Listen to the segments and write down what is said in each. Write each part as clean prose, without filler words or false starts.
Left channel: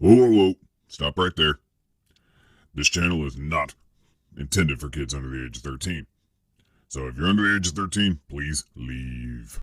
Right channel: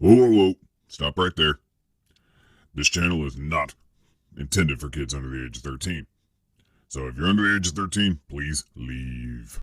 Whoa, whoa, whoa. Stop right there. This channel is not intended for kids under the age of 13. So if you're under the age of 13, please leave.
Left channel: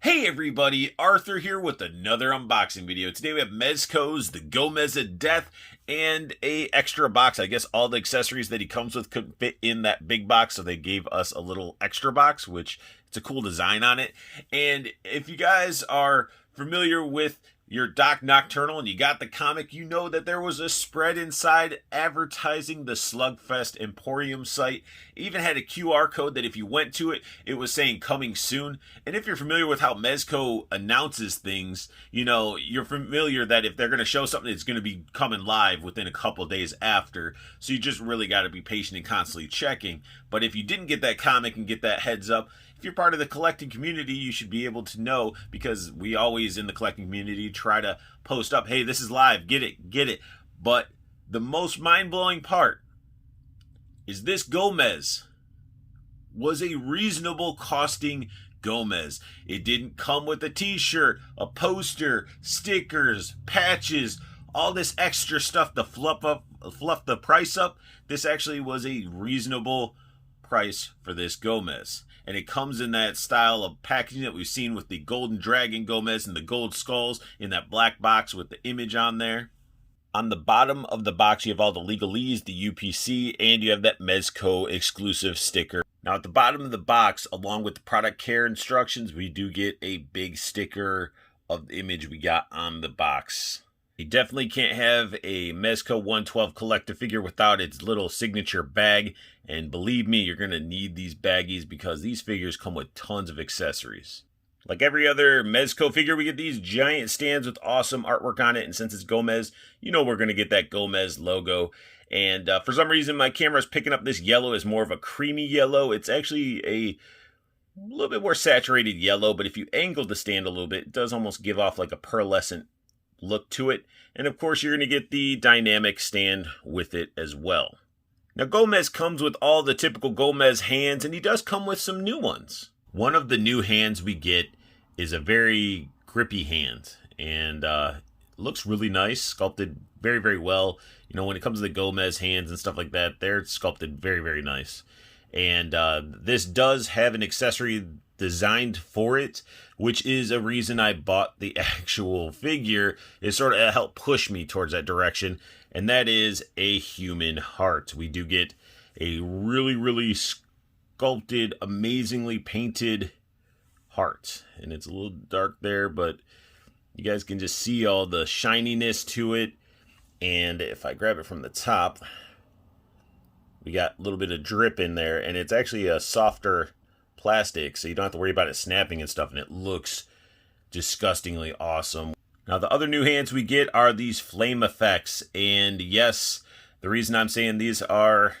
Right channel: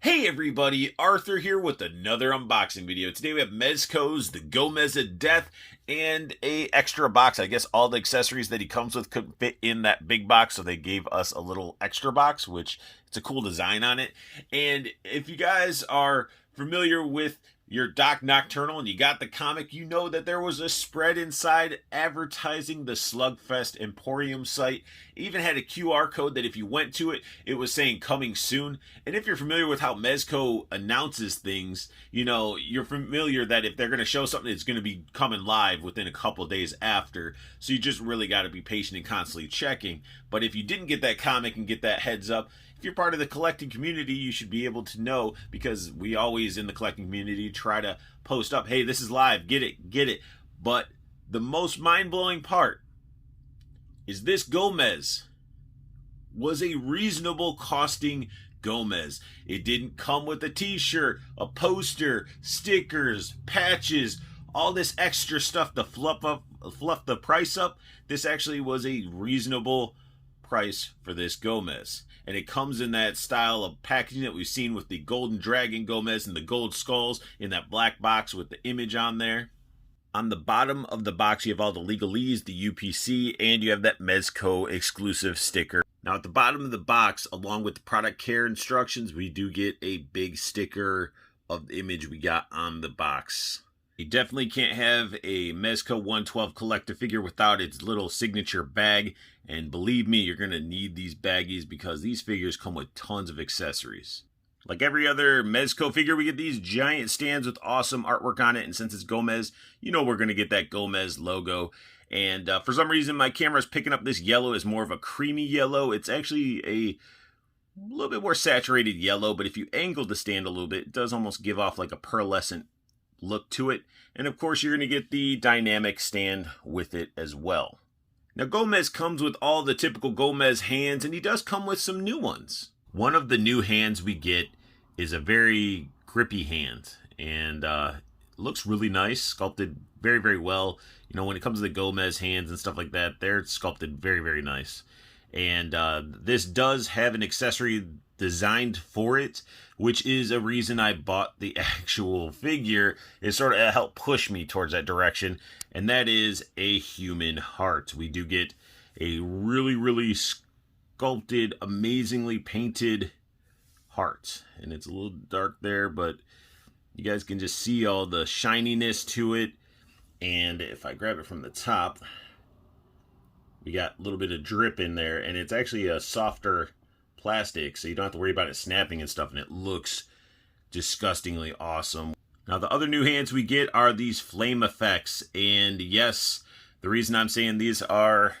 Hey everybody, Arthur here with another unboxing video. Today we have Mezco's The Gomez of Death and a extra box. I guess all the accessories that he comes with couldn't fit in that big box, so they gave us a little extra box, which it's a cool design on it. And if you guys are familiar with your Doc Nocturnal and you got the comic, you know that there was a spread inside advertising the Slugfest Emporium site. It even had a QR code that if you went to it, it was saying coming soon. And if you're familiar with how Mezco announces things, you know, you're familiar that if they're going to show something, it's going to be coming live within a couple days after. So you just really got to be patient and constantly checking. But if you didn't get that comic and get that heads up, if you're part of the collecting community, you should be able to know, because we always in the collecting community try to post up, hey, this is live, get it, get it. But the most mind-blowing part is this Gomez was a reasonable costing Gomez. It didn't come with a t-shirt, a poster, stickers, patches, all this extra stuff to fluff the price up. This actually was a reasonable price for this Gomez. And it comes in that style of packaging that we've seen with the Golden Dragon Gomez and the gold skulls in that black box with the image on there. On the bottom of the box, you have all the legalese, the UPC, and you have that Mezco exclusive sticker. Now at the bottom of the box, along with the product care instructions, we do get a big sticker of the image we got on the box. You definitely can't have a Mezco 112 collector figure without its little signature bag. And believe me, you're going to need these baggies because these figures come with tons of accessories. Like every other Mezco figure, we get these giant stands with awesome artwork on it. And since it's Gomez, you know we're going to get that Gomez logo. And for some reason, my camera is picking up this yellow as more of a creamy yellow. It's actually a little bit more saturated yellow. But if you angle the stand a little bit, it does almost give off like a pearlescent look to it. And of course, you're going to get the dynamic stand with it as well. Now, Gomez comes with all the typical Gomez hands, and he does come with some new ones. One of the new hands we get is a very grippy hand, and looks really nice, sculpted very, very well. You know, when it comes to the Gomez hands and stuff like that, they're sculpted very, very nice. And this does have an accessory designed for it, which is a reason I bought the actual figure. It sort of helped push me towards that direction. And that is a human heart. We do get a really, really sculpted, amazingly painted heart. And it's a little dark there, but you guys can just see all the shininess to it. And if I grab it from the top, we got a little bit of drip in there. And it's actually a softer plastic, so you don't have to worry about it snapping and stuff. And it looks disgustingly awesome. Now, the other new hands we get are these flame effects. And yes, the reason I'm saying these are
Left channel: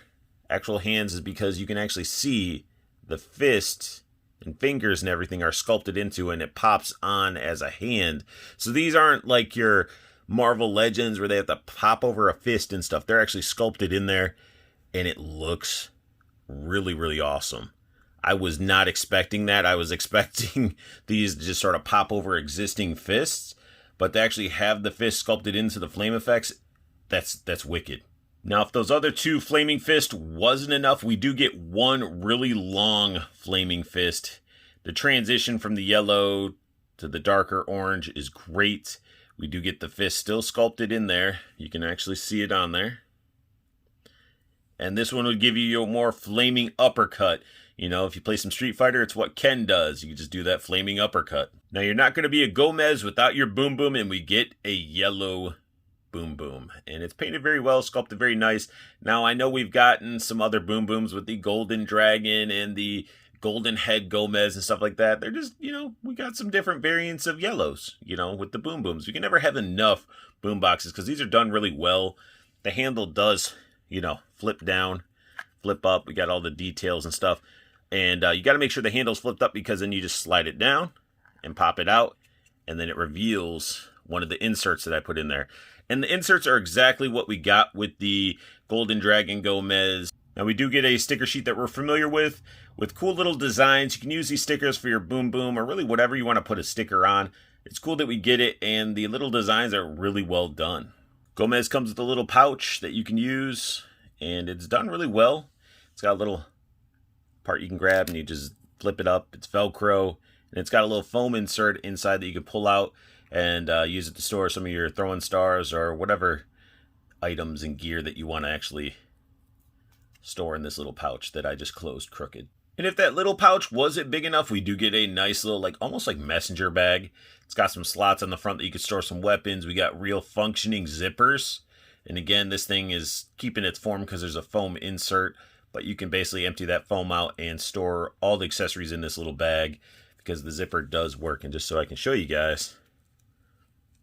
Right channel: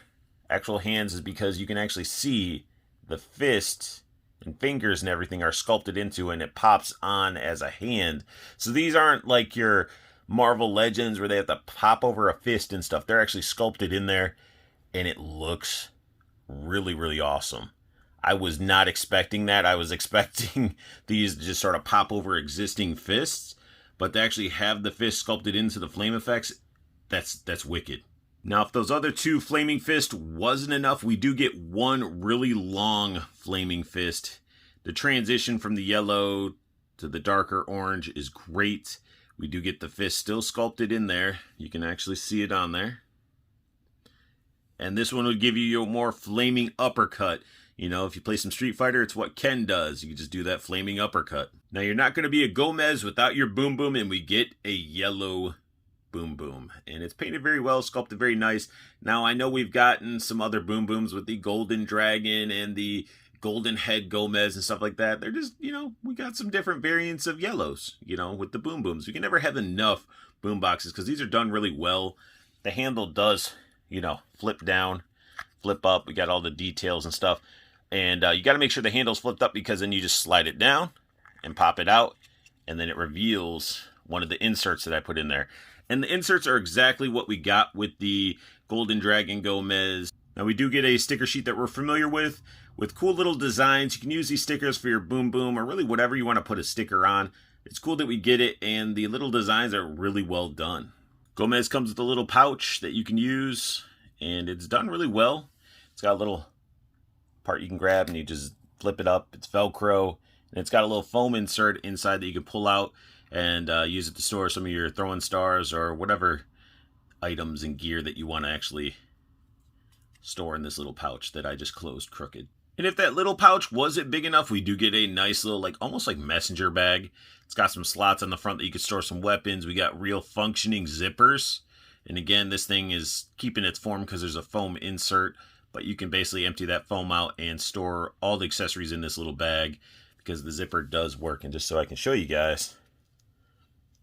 actual hands is because you can actually see the fists and fingers and everything are sculpted into, and it pops on as a hand. So these aren't like your Marvel Legends where they have to pop over a fist and stuff. They're actually sculpted in there, and it looks really, really awesome. I was not expecting that. I was expecting these to just sort of pop over existing fists. But to actually have the fist sculpted into the flame effects, that's wicked. Now, if those other two flaming fists wasn't enough, we do get one really long flaming fist. The transition from the yellow to the darker orange is great. We do get the fist still sculpted in there. You can actually see it on there. And this one would give you your more flaming uppercut. You know, if you play some Street Fighter, it's what Ken does. You can just do that flaming uppercut. Now, you're not going to be a Gomez without your Boom Boom, and we get a yellow Boom Boom. And it's painted very well, sculpted very nice. Now, I know we've gotten some other Boom Booms with the Golden Dragon and the Golden Head Gomez and stuff like that. They're just, you know, we got some different variants of yellows, you know, with the Boom Booms. We can never have enough boom boxes because these are done really well. The handle does, you know, flip down, flip up. We got all the details and stuff. And you got to make sure the handle's flipped up, because then you just slide it down and pop it out, and then it reveals one of the inserts that I put in there. And the inserts are exactly what we got with the Golden Dragon Gomez. Now we do get a sticker sheet that we're familiar with cool little designs. You can use these stickers for your boom boom or really whatever you want to put a sticker on. It's cool that we get it, and the little designs are really well done. Gomez comes with a little pouch that you can use, and it's done really well. It's got a little part you can grab, and you just flip it up. It's Velcro, and it's got a little foam insert inside that you can pull out and use it to store some of your throwing stars or whatever items and gear that you want to actually store in this little pouch that I just closed crooked. And if that little pouch wasn't big enough, we do get a nice little, like almost like messenger bag. It's got some slots on the front that you can store some weapons. We got real functioning zippers. And again, this thing is keeping its form because there's a foam insert, but you can basically empty that foam out and store all the accessories in this little bag because the zipper does work. And just so I can show you guys,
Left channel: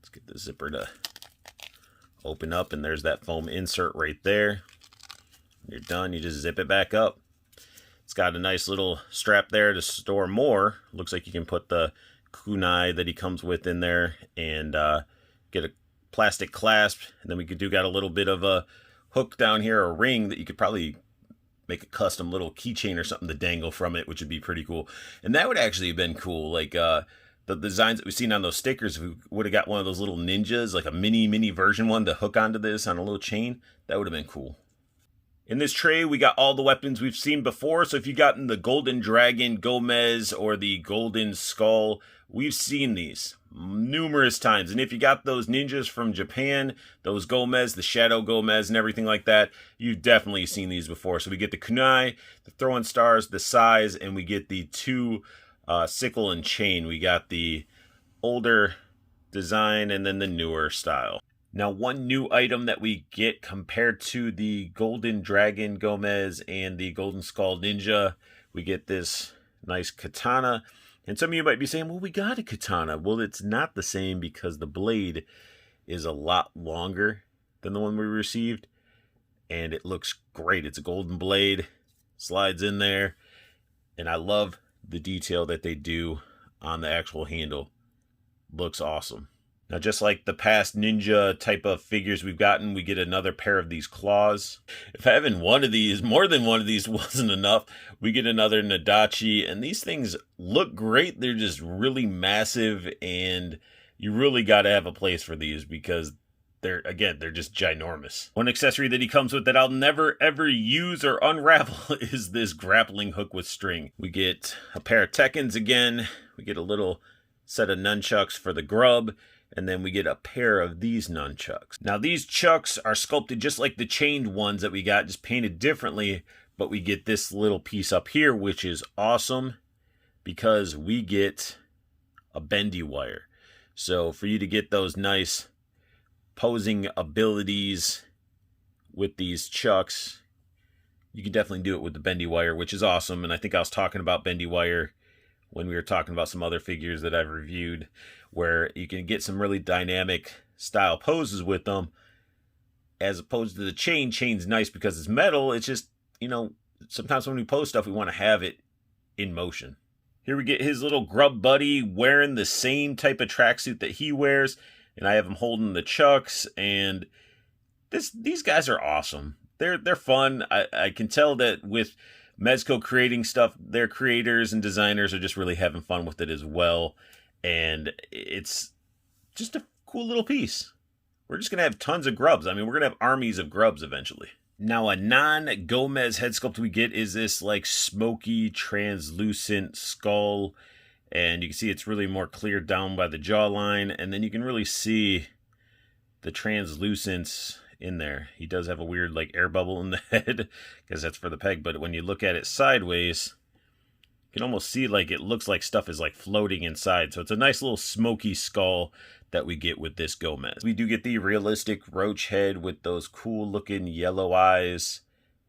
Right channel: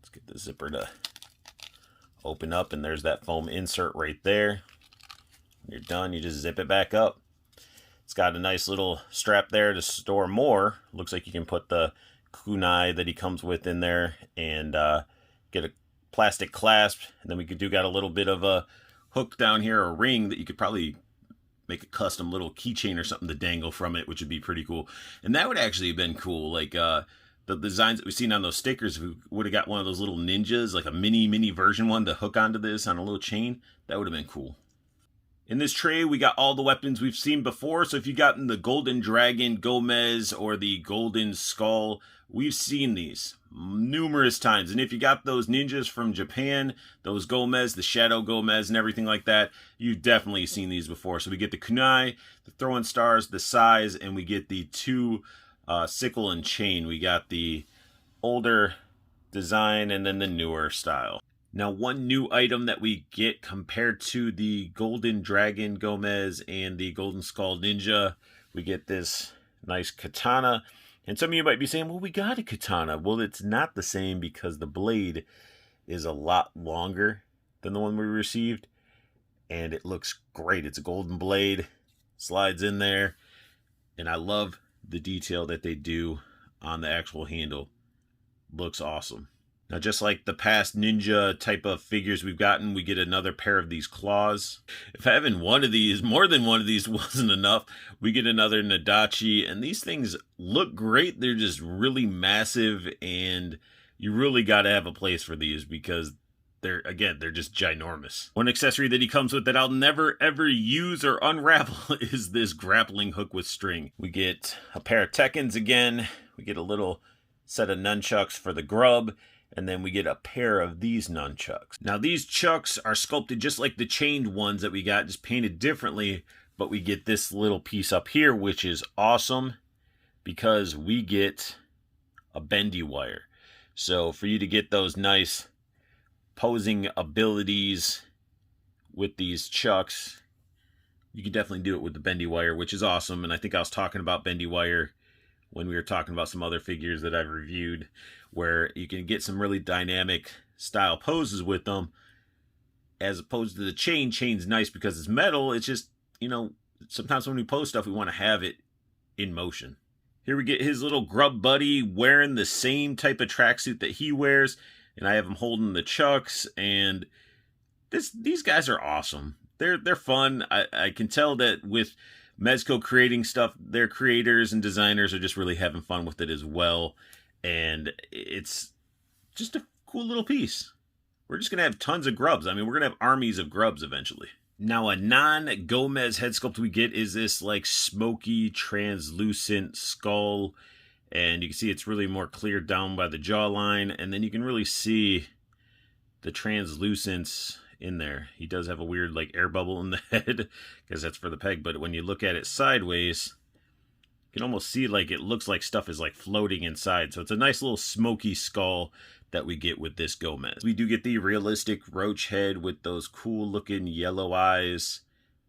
let's get the zipper to open up, and there's that foam insert right there. When you're done, you just zip it back up. It's got a nice little strap there to store more. Looks like you can put the kunai that he comes with in there and get a plastic clasp. And then we got a little bit of a hook down here, a ring that you could probably make a custom little keychain or something to dangle from it, which would be pretty cool. And that would actually have been cool. Like the designs that we've seen on those stickers, we would have got one of those little ninjas, like a mini version one to hook onto this on a little chain. That would have been cool. In this tray, we got all the weapons we've seen before. So if you've gotten the Golden Dragon Gomez or the Golden Skull, we've seen these numerous times. And if you got those ninjas from Japan, those Gomez, the Shadow Gomez and everything like that, you've definitely seen these before. So we get the kunai, the throwing stars, the size, and we get the two sickle and chain. We got the older design and then the newer style. Now, one new item that we get compared to the Golden Dragon Gomez and the Golden Skull Ninja, we get this nice katana. And some of you might be saying, well, we got a katana. Well, it's not the same because the blade is a lot longer than the one we received. And it looks great. It's a golden blade, slides in there. And I love the detail that they do on the actual handle. Looks awesome. Now, just like the past ninja type of figures we've gotten, we get another pair of these claws. If having one of these, more than one of these wasn't enough, we get another Nadachi. And these things look great. They're just really massive. And you really got to have a place for these because they're just ginormous. One accessory that he comes with that I'll never, ever use or unravel is this grappling hook with string. We get a pair of Tekkens again. We get a little set of nunchucks for the grub. And then we get a pair of these nunchucks. Now, these chucks are sculpted just like the chained ones that we got, just painted differently. But we get this little piece up here, which is awesome because we get a bendy wire. So for you to get those nice posing abilities with these chucks, you can definitely do it with the bendy wire, which is awesome. And I think I was talking about bendy wire when we were talking about some other figures that I've reviewed, where you can get some really dynamic style poses with them, as opposed to the chain. Chain's nice because it's metal. It's just, sometimes when we pose stuff, we want to have it in motion. Here we get his little grub buddy wearing the same type of tracksuit that he wears, and I have him holding the chucks, and these guys are awesome. They're fun. I can tell that with Mezco creating stuff, their creators and designers are just really having fun with it as well. And it's just a cool little piece. We're just going to have tons of grubs. I mean, we're going to have armies of grubs eventually. Now, a non-Gomez head sculpt we get is this like smoky, translucent skull. And you can see it's really more cleared down by the jawline. And then you can really see the translucence in there. He does have a weird like air bubble in the head because that's for the peg. But when you look at it sideways, you can almost see like it looks like stuff is like floating inside. So it's a nice little smoky skull that we get with this Gomez. We do get the realistic roach head with those cool looking yellow eyes.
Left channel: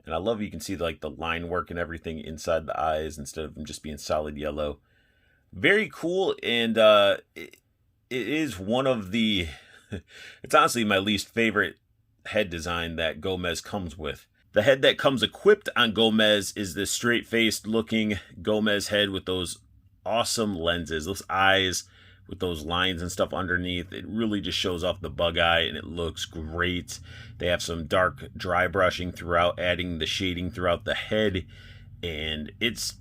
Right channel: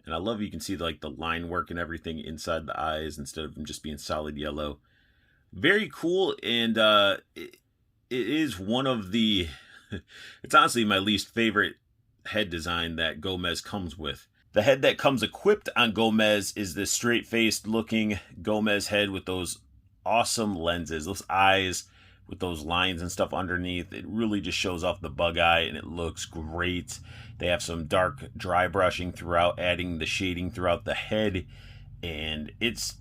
And I love you can see like the line work and everything inside the eyes instead of them just being solid yellow. Very cool. And it is one of the, it's honestly my least favorite head design that Gomez comes with. The head that comes equipped on Gomez is this straight-faced looking Gomez head with those awesome lenses, those eyes with those lines and stuff underneath. It really just shows off the bug eye, and it looks great. They have some dark dry brushing throughout, adding the shading throughout the head. And it's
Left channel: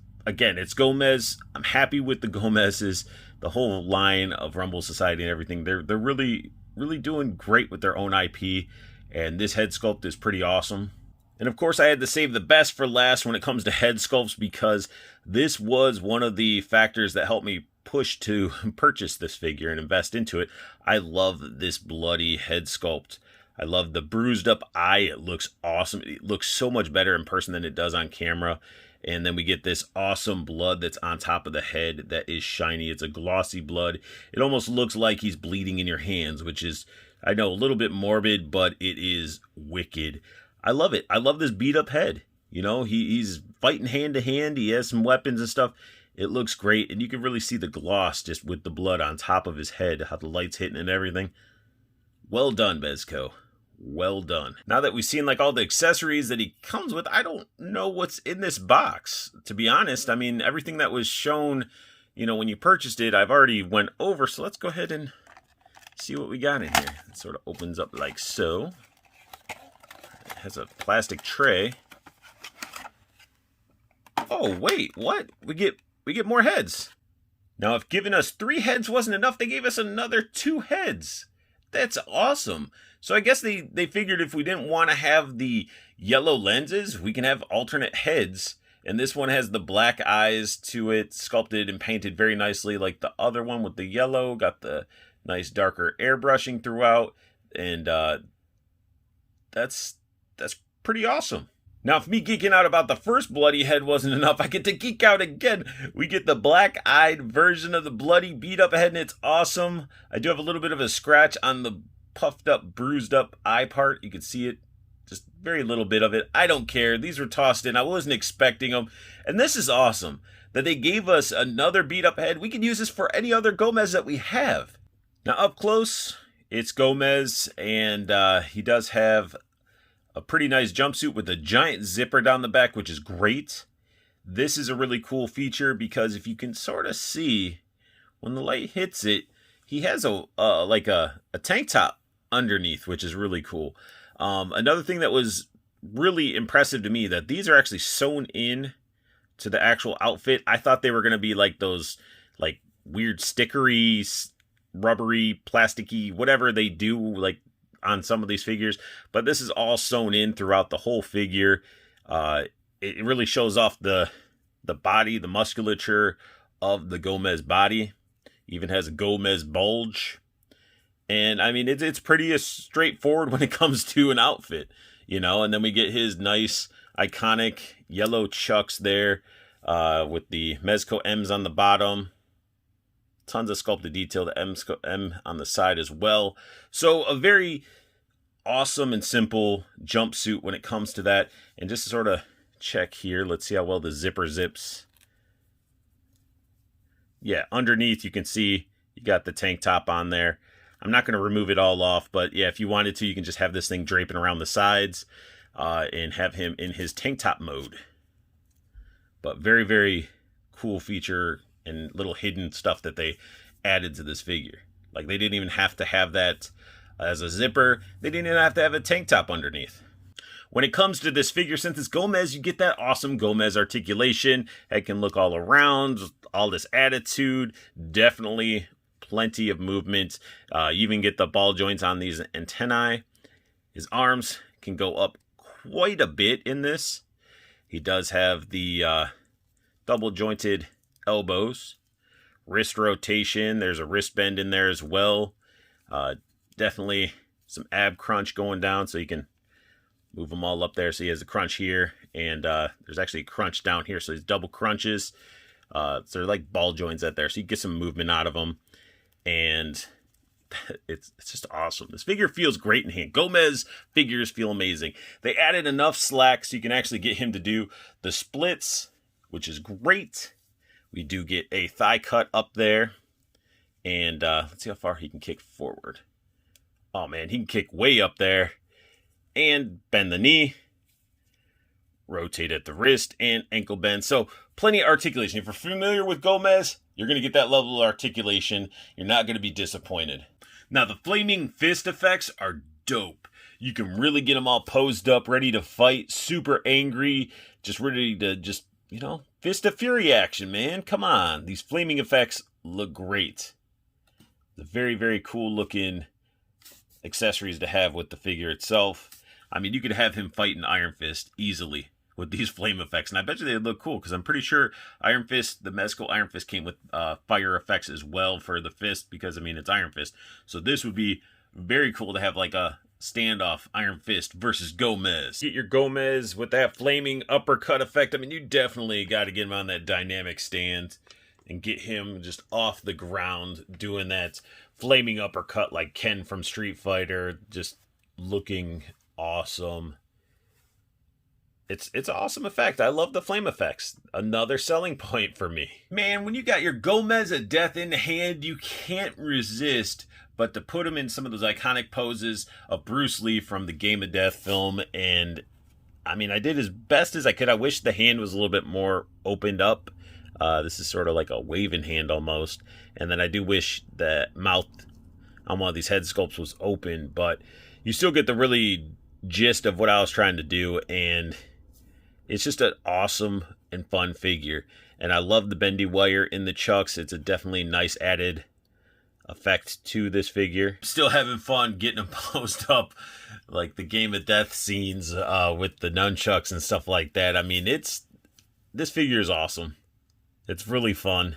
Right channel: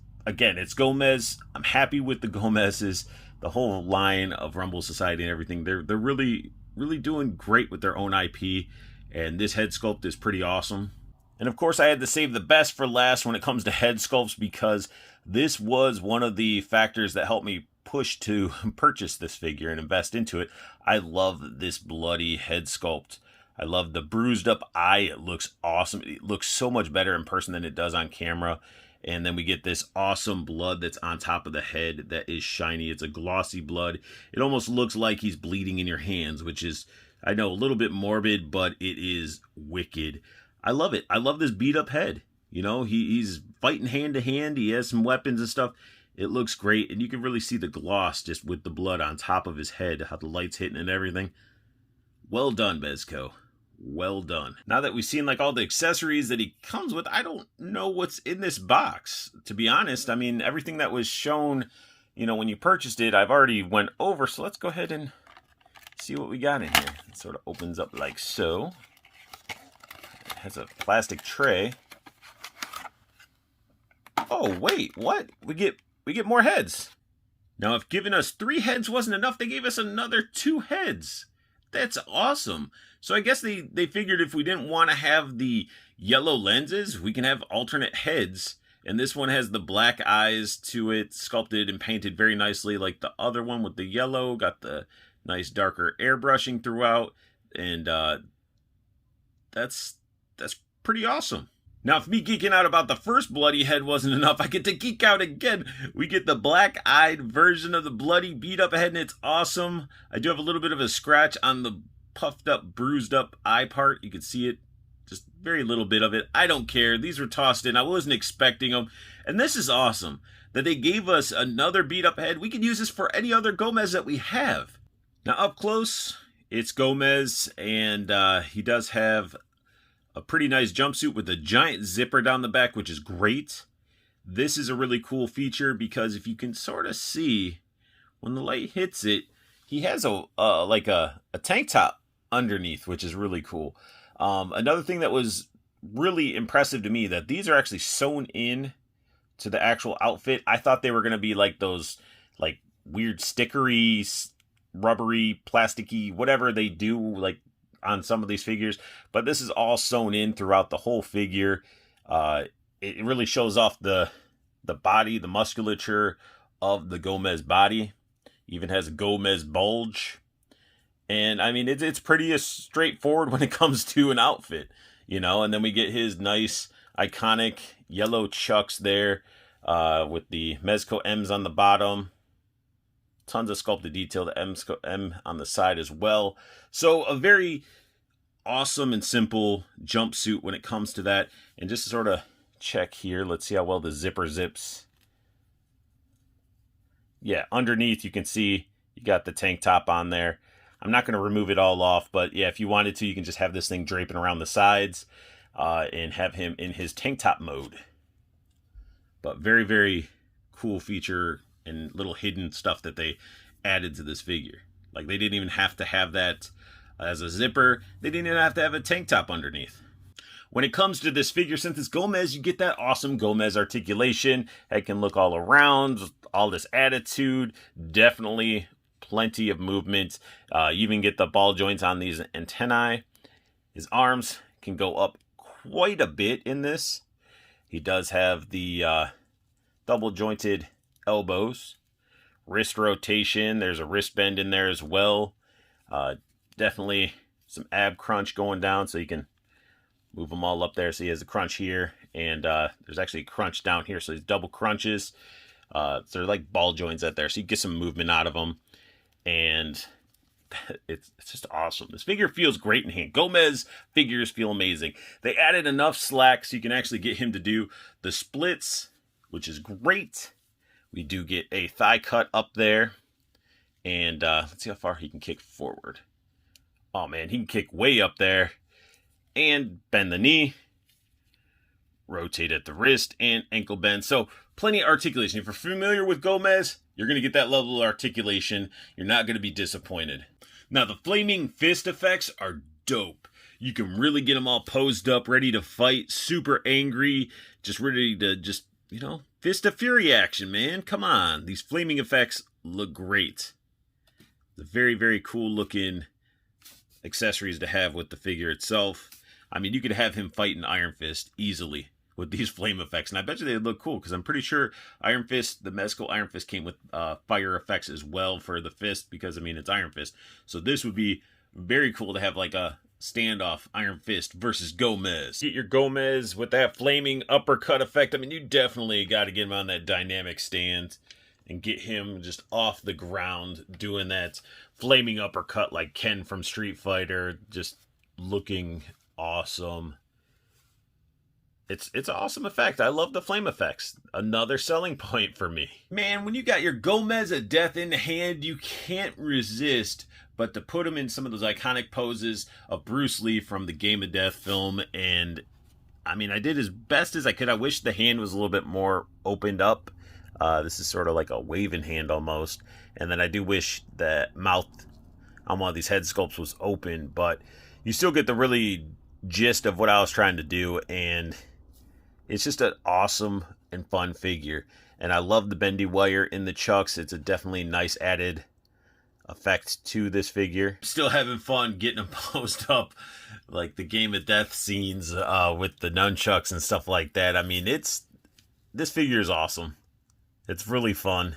Gomez. I'm happy with the Gomez's. The whole line of Rumble Society and everything, they're really doing great with their own IP. And this head sculpt is pretty awesome. And of course, I had to save the best for last when it comes to head sculpts, because this was one of the factors that helped me push to purchase this figure and invest into it. I love this bloody head sculpt. I love the bruised up eye. It looks awesome. It looks so much better in person than it does on camera. And then we get this awesome blood that's on top of the head that is shiny. It's a glossy blood. It almost looks like he's bleeding in your hands, which is, I know, a little bit morbid, but it is wicked. I love it. I love this beat up head. You know, he's fighting hand to hand. He has some weapons and stuff. It looks great. And you can really see the gloss just with the blood on top of his head, how the light's hitting and everything. Well done, Mezco. Well done. Now that we've seen like all the accessories that he comes with, I don't know what's in this box, to be honest. I mean, everything that was shown, you know, when you purchased it, I've already went over. So let's go ahead and see what we got in here. It sort of opens up like so. It has a plastic tray. Oh, wait, what? We get more heads. Now, if giving us 3 heads wasn't enough, they gave us another 2 heads. That's awesome. So I guess they figured if we didn't want to have the yellow lenses, we can have alternate heads. And this one has the black eyes to it, sculpted and painted very nicely like the other one with the yellow. Got the nice darker airbrushing throughout. And that's pretty awesome. Now, if me geeking out about the first bloody head wasn't enough, I get to geek out again. We get the black-eyed version of the bloody beat-up head, and it's awesome. I do have a little bit of a scratch on the puffed up, bruised up eye part. You can see it, just very little bit of it. I don't care. These were tossed in. I wasn't expecting them. And this is awesome that they gave us another beat up head. We can use this for any other Gomez that we have. Now up close, it's Gomez, and he does have a pretty nice jumpsuit with a giant zipper down the back, which is great. This is a really cool feature because if you can sort of see when the light hits it, he has like a tank top underneath, which is really cool. Another thing that was really impressive to me, that these are actually sewn in to the actual outfit. I thought they were going to be like those like weird stickery, rubbery, plasticky, whatever they do like on some of these figures, but this is all sewn in throughout the whole figure. It really shows off the body, the musculature of the Gomez body. Even has a Gomez bulge. And I mean, it's pretty straightforward when it comes to an outfit, you know. And then we get his nice iconic yellow chucks there with the Mezco M's on the bottom. Tons of sculpted detail, the M on the side as well. So a very awesome and simple jumpsuit when it comes to that. And just to sort of check here, let's see how well the zipper zips. Yeah, underneath you can see you got the tank top on there. I'm not going to remove it all off, but yeah, if you wanted to, you can just have this thing draping around the sides and have him in his tank top mode. But very, very cool feature and little hidden stuff that they added to this figure. Like they didn't even have to have that as a zipper. They didn't even have to have a tank top underneath. When it comes to this figure, since it's Gomez, you get that awesome Gomez articulation. It can look all around, all this attitude, definitely plenty of movement. You even get the ball joints on these antennae. His arms can go up quite a bit in this. He does have the double jointed elbows, wrist rotation. There's a wrist bend in there as well. Definitely some ab crunch going down, so you can move them all up there. So he has a crunch here, and there's actually a crunch down here. So he's double crunches. So they're like ball joints out there, so you get some movement out of them. And it's just awesome. This figure feels great in hand. Gomez figures feel amazing. They added enough slack so you can actually get him to do the splits, which is great. We do get a thigh cut up there. And let's see how far he can kick forward. Oh man, he can kick way up there. And bend the knee. Rotate at the wrist and ankle bend. So plenty of articulation. If you're familiar with Gomez, you're going to get that level of articulation. You're not going to be disappointed. Now, the flaming fist effects are dope. You can really get them all posed up, ready to fight, super angry, just ready to just, you know, fist of fury action, man. Come on. These flaming effects look great. The very, very cool looking accessories to have with the figure itself. I mean, you could have him fighting Iron Fist easily with these flame effects, and I bet you they'd look cool, because I'm pretty sure Iron Fist, the Mezco Iron Fist, came with fire effects as well for the fist, because, I mean, it's Iron Fist. So this would be very cool to have like a standoff Iron Fist versus Gomez. Get your Gomez with that flaming uppercut effect. I mean, you definitely got to get him on that dynamic stand and get him just off the ground doing that flaming uppercut like Ken from Street Fighter, just looking awesome. It's an awesome effect. I love the flame effects. Another selling point for me. Man, when you got your Gomez of Death in hand, you can't resist but to put him in some of those iconic poses of Bruce Lee from the Game of Death film. And I mean, I did as best as I could. I wish the hand was a little bit more opened up. This is sort of like a waving hand almost. And then I do wish the mouth on one of these head sculpts was open, but you still get the really gist of what I was trying to do. And it's just an awesome and fun figure. And I love the bendy wire in the chucks. It's a definitely nice added effect to this figure. Still having fun getting them posed up like the Game of Death scenes with the nunchucks and stuff like that. I mean, this figure is awesome. It's really fun.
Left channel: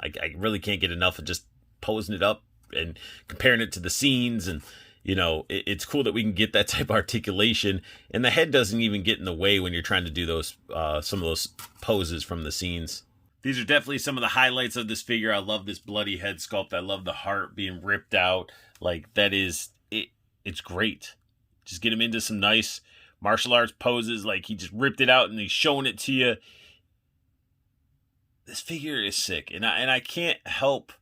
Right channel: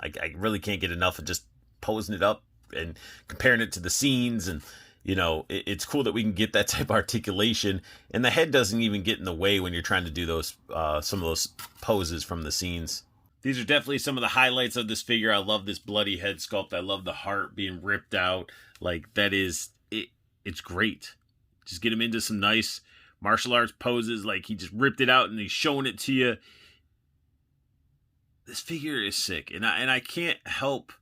I really can't get enough of just posing it up and comparing it to the scenes. And you know, it's cool that we can get that type of articulation, and the head doesn't even get in the way when you're trying to do those some of those poses from the scenes. These are definitely some of the highlights of this figure. I love this bloody head sculpt. I love the heart being ripped out. Like, that is it. It's great. Just get him into some nice martial arts poses. Like, he just ripped it out and he's showing it to you. This figure is sick, and I can't help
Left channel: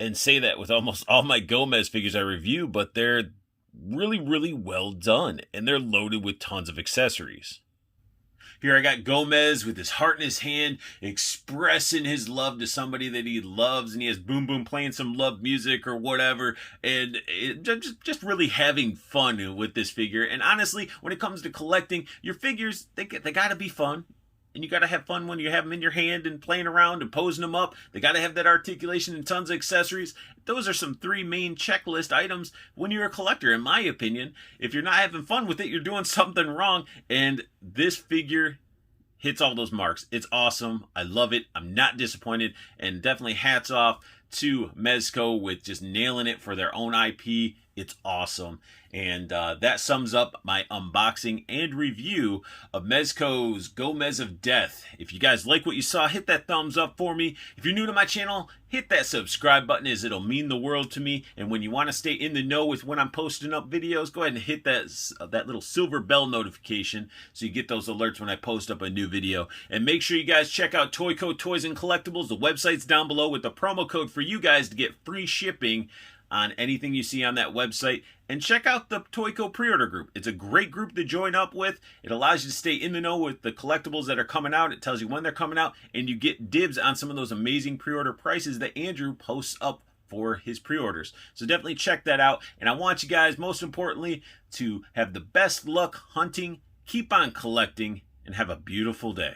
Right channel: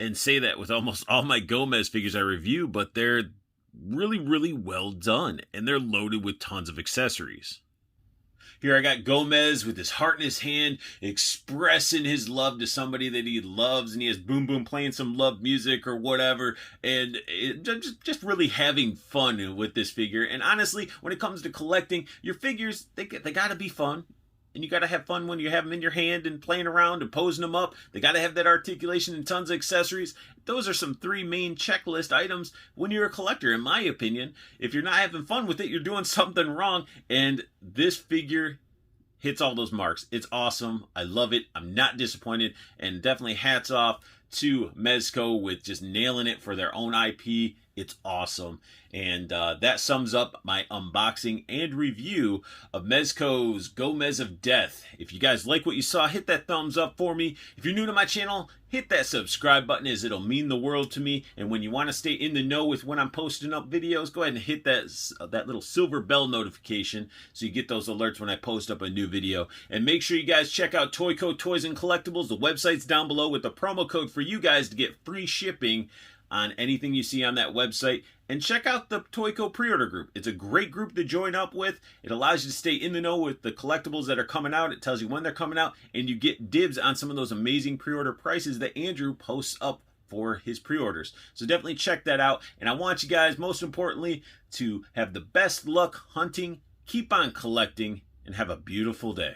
and say that with almost all my Gomez figures I review, but they're really, really well done, and they're loaded with tons of accessories. Here I got Gomez with his heart in his hand, expressing his love to somebody that he loves, and he has Boom Boom playing some love music or whatever, and just really having fun with this figure. And honestly, when it comes to collecting, your figures, they gotta be fun. And you got to have fun when you have them in your hand and playing around and posing them up. They got to have that articulation and tons of accessories. Those are some 3 main checklist items when you're a collector, in my opinion. If you're not having fun with it, you're doing something wrong. And this figure hits all those marks. It's awesome. I love it. I'm not disappointed. And definitely hats off to Mezco with just nailing it for their own IP. It's awesome. And that sums up my unboxing and review of Mezco's Gomez of Death. If you guys like what you saw, hit that thumbs up for me. If you're new to my channel, hit that subscribe button, as it'll mean the world to me. And when you want to stay in the know with when I'm posting up videos, go ahead and hit that little silver bell notification so you get those alerts when I post up a new video. And make sure you guys check out Toyco Toys and Collectibles. The website's down below with the promo code for you guys to get free shipping on anything you see on that website. And check out the Toyco Preorder group. It's a great group to join up with. It allows you to stay in the know with the collectibles that are coming out. It tells you when they're coming out, and you get dibs on some of those amazing pre-order prices that Andrew posts up for his pre-orders. So definitely check that out. And I want you guys, most importantly, to have the best luck hunting, keep on collecting, and have a beautiful day.